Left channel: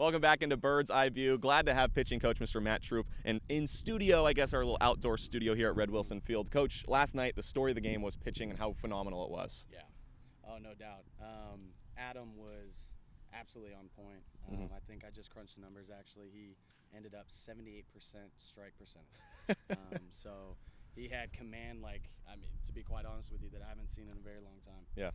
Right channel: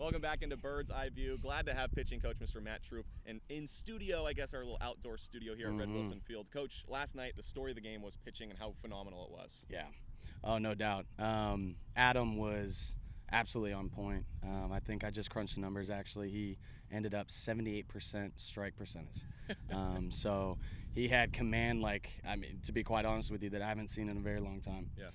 Welcome back into Bird's Eye View. Glad to have pitching coach Mr. Matt Troupe and in studio, I guess our little outdoor studio here at Red Wilson Field. Coach, last night the story of the game was pitching and how phenomenal it was. Yeah, oh no doubt. Adam was absolutely on point. I think I just crunched the numbers. Actually, he ended up 78% strike percentage. So he had command, to be quite honest with you, that I haven't seen in a very long time. Yeah.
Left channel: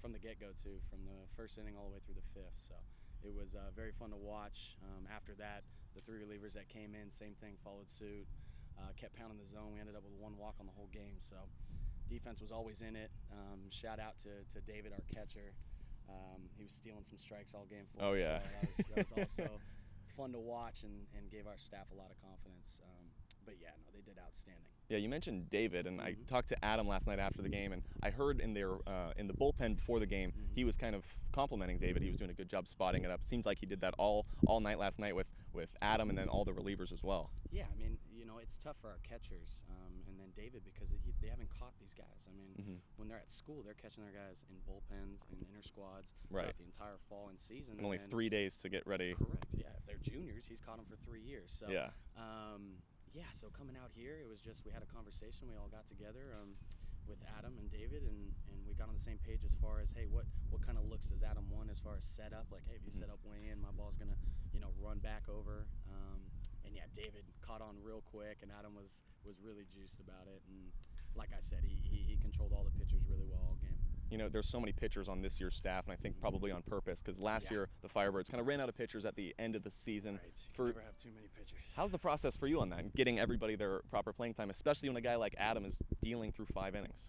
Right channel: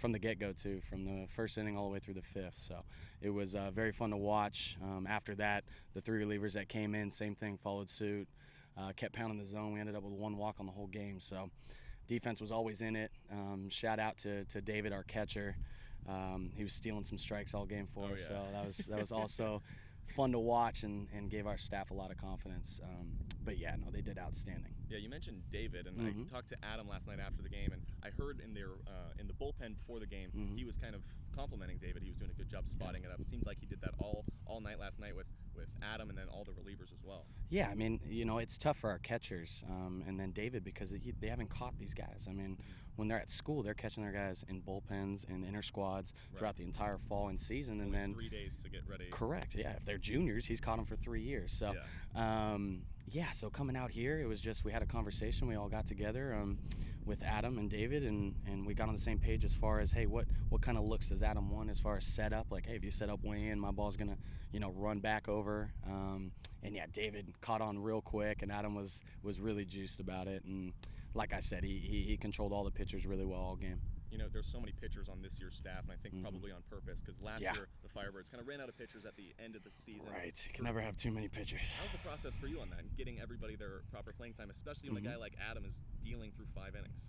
From the get-go too, from the first inning all the way through the fifth. So it was very fun to watch. After that, the three relievers that came in, same thing, followed suit, kept pounding the zone. We ended up with one walk on the whole game. So defense was always in it. Shout out to David, our catcher. He was stealing some strikes all game for us. Yeah. So that was also fun to watch and gave our staff a lot of confidence. But yeah, no, they did outstanding. Yeah, you mentioned David, and I talked to Adam last night after the game, and I heard in the bullpen before the game, he was kind of complimenting David. He was doing a good job spotting it up. It seems like he did that all night last night with Adam and then all the relievers as well. Yeah, I mean, it's tough for our catchers, and then David, because they haven't caught these guys. I mean, when they're at school, they're catching their guys in bullpens and inner squads throughout the entire fall and season. Only and then 3 days to get ready. Correct, yeah. If they're juniors, he's caught them for 3 years. So, so coming out here, it was just, we had a conversation. We all got together with Adam and David, and we got on the same page as far as, hey, what kind of looks does Adam want as far as setup? Like, hey, if you set up way in, my ball's going to, run back over. And yeah, David caught on real quick, and Adam was really juiced about it. And like I said, he controlled all the pitchers really well all game. There's so many pitchers on this year's staff, and I think probably on purpose, because last year the Firebirds kind of ran out of pitchers at the end of the season. Right, you can never have too many pitchers. How's the process for you on that, getting everybody their proper playing time, especially when a guy like Adam is dealing through 5 innings?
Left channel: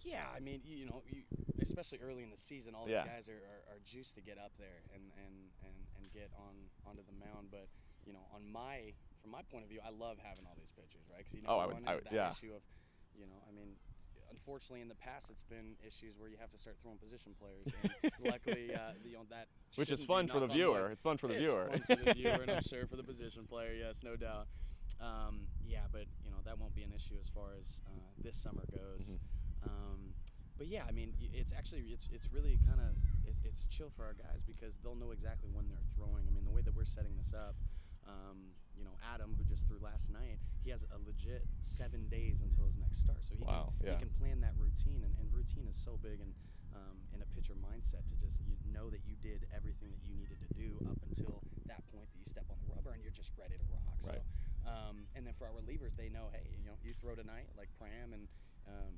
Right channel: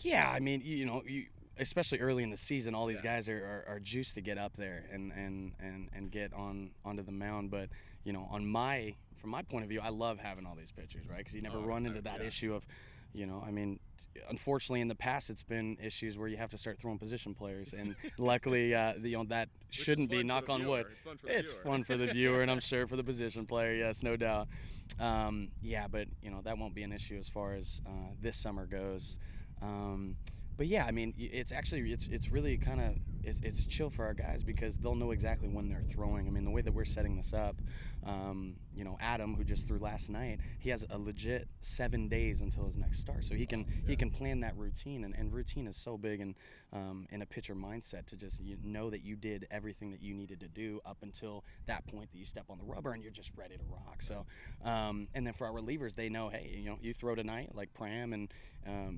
Yeah, I mean, especially early in the season, all these guys are juiced to get up there and get onto the mound. But from my point of view, I love having all these pitchers, right? Because you never run into that issue of, I mean, unfortunately in the past it's been issues where you have to start throwing position players, and luckily that shouldn't be knock on wood. It's fun for the viewer. It's fun for the viewer, and I'm sure for the position player, yes, no doubt. But that won't be an issue as far as this summer goes. But yeah, I mean, it's really kind of it's chill for our guys because they'll know exactly when they're throwing. I mean, the way that we're setting this up, Adam, who just threw last night, he has a legit 7 days until his next start, so he can plan that routine, and routine is so big in a pitcher mindset to just know that you did everything that you needed to do up until that point that you step on the rubber and you're just ready to rock. Right. So, and then for our relievers, they know, hey, you throw tonight like Pram and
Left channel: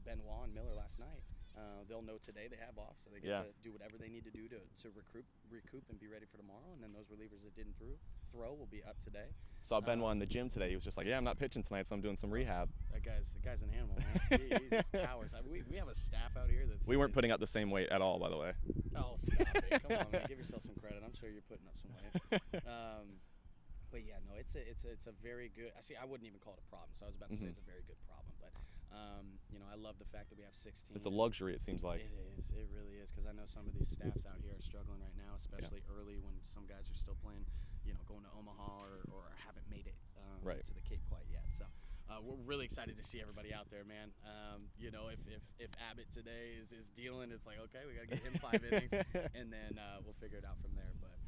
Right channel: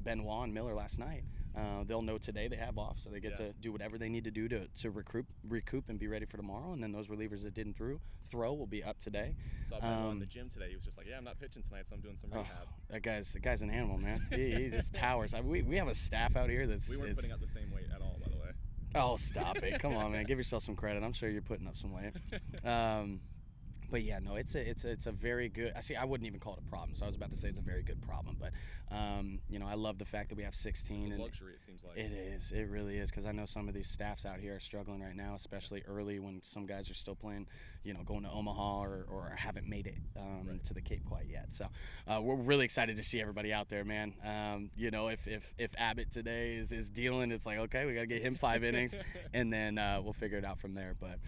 Benoit and Miller last night. They'll know today they have off, so they get to do whatever they need to do to recoup and be ready for tomorrow. And then those relievers that didn't throw will be up today. Saw Benoit in the gym today. He was just like, I'm not pitching tonight, so I'm doing some rehab. The guy's an animal, man. He just towers. We have a staff out here that's. We weren't putting out the same weight at all, by the way. Oh, stop it! Come on, man. Give yourself some credit. I'm sure you're putting up some weight. But yeah, no, it's a very good. I wouldn't even call it a problem. So I was about to say it's a very good problem, but I love the fact that we have 16. It's a luxury, it seems like. It is. It really is, because I know some of these staffs out here are struggling right now, especially early when some guys are still playing, going to Omaha or haven't made it to the Cape quite yet. So we're really excited to see everybody out there, man. If Abbott today is dealing, it's like, okay, we got to get him 5 innings, and then we'll figure it out from there. But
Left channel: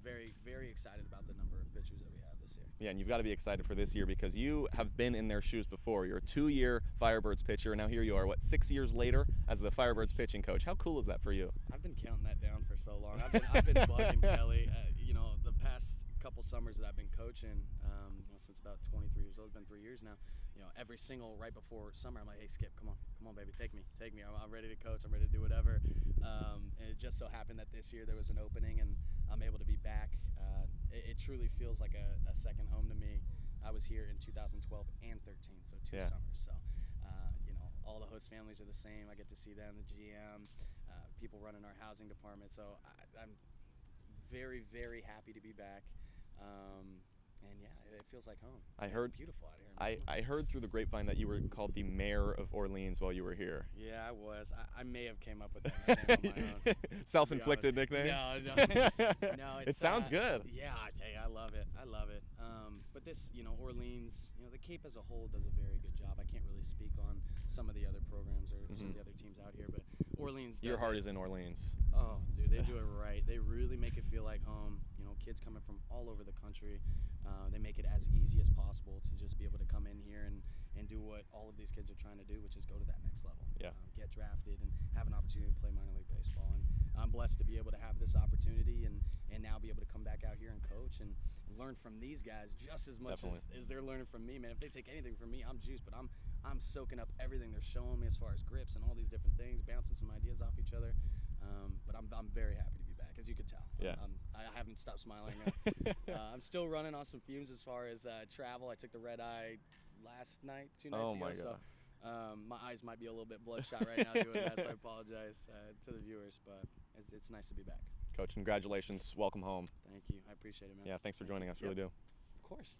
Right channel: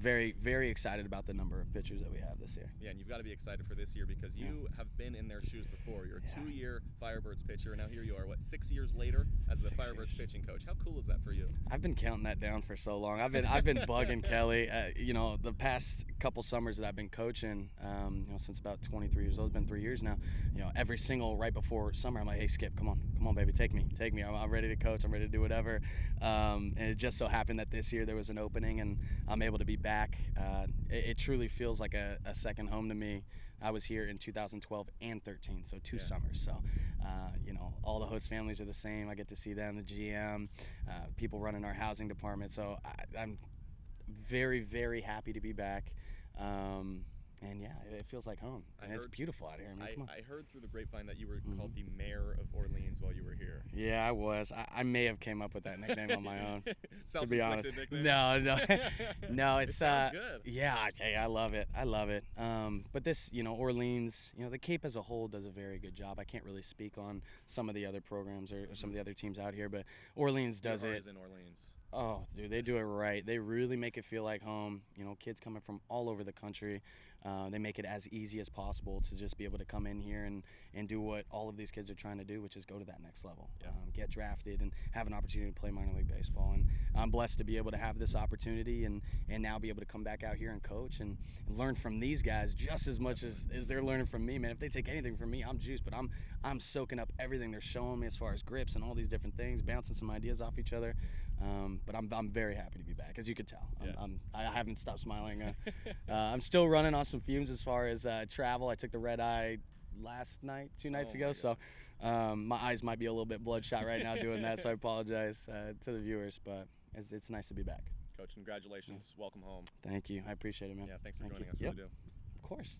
very, very excited about the number of pitchers that we have this year. Yeah, and you've got to be excited for this year because you have been in their shoes before. You're a 2-year Firebirds pitcher, and now here you are, 6 years later as the Firebirds pitching coach. How cool is that for you? I've been counting that down for so long. I've been bugging Kelly. The past couple summers that I've been coaching, since about 23 years old, it's been 3 years now. Every single right before summer, I'm like, hey, Skip, come on, baby, take me. I'm ready to coach. I'm ready to do whatever. And it just so happened that this year there was an opening, and I'm able to be back. It truly feels like a second home to me. I was here in 2012 and 13, so 2 summers. So, all the host families are the same. I get to see them, the GM, people running our housing department. So I'm very, very happy to be back. And yeah, it feels like home. It's beautiful out here. I heard through the grapevine that you were called the mayor of Orleans while you were here. Yeah, I was. I may have came up with that nickname on my own. Self-inflicted nickname? No. It sounds good. Yeah, I love it. But this, Orleans, the Cape as a whole does a very good job. I can't really speak on some of the other programs or some of the other teams out here, but Orleans does Your heart is in Orleans. Oh, dude, they do it right. They really make it feel like home. You know, kids coming from all over the country. They make it as easy as possible to just be able to come in here and do what all of these kids are trying to do, which is go to that next level. Yeah. Get drafted and have an opportunity to play minor league baseball. And I'm blessed to be able to have this opportunity and now be able to come back out here and coach and learn from these guys just as much as they're learning from me, man. If they take anything from me, I'm juiced, but I'm soaking up everything they're showing me as far as grips and all these different things, bouncing some ideas off each other. But I'm very happy to be back, as you could tell. Yeah. I haven't stopped smiling. I'm still running on some fumes as far as travel. I took the red eye last night, 2 nights ago, so my eyes might be a little bit bloodshot right now doing that, so I apologize to the viewers, but it's nice to be back. Coach, congratulations. Welcome home. Thank you. I appreciate it, man. Yeah, thanks for joining us. Really do. Of course.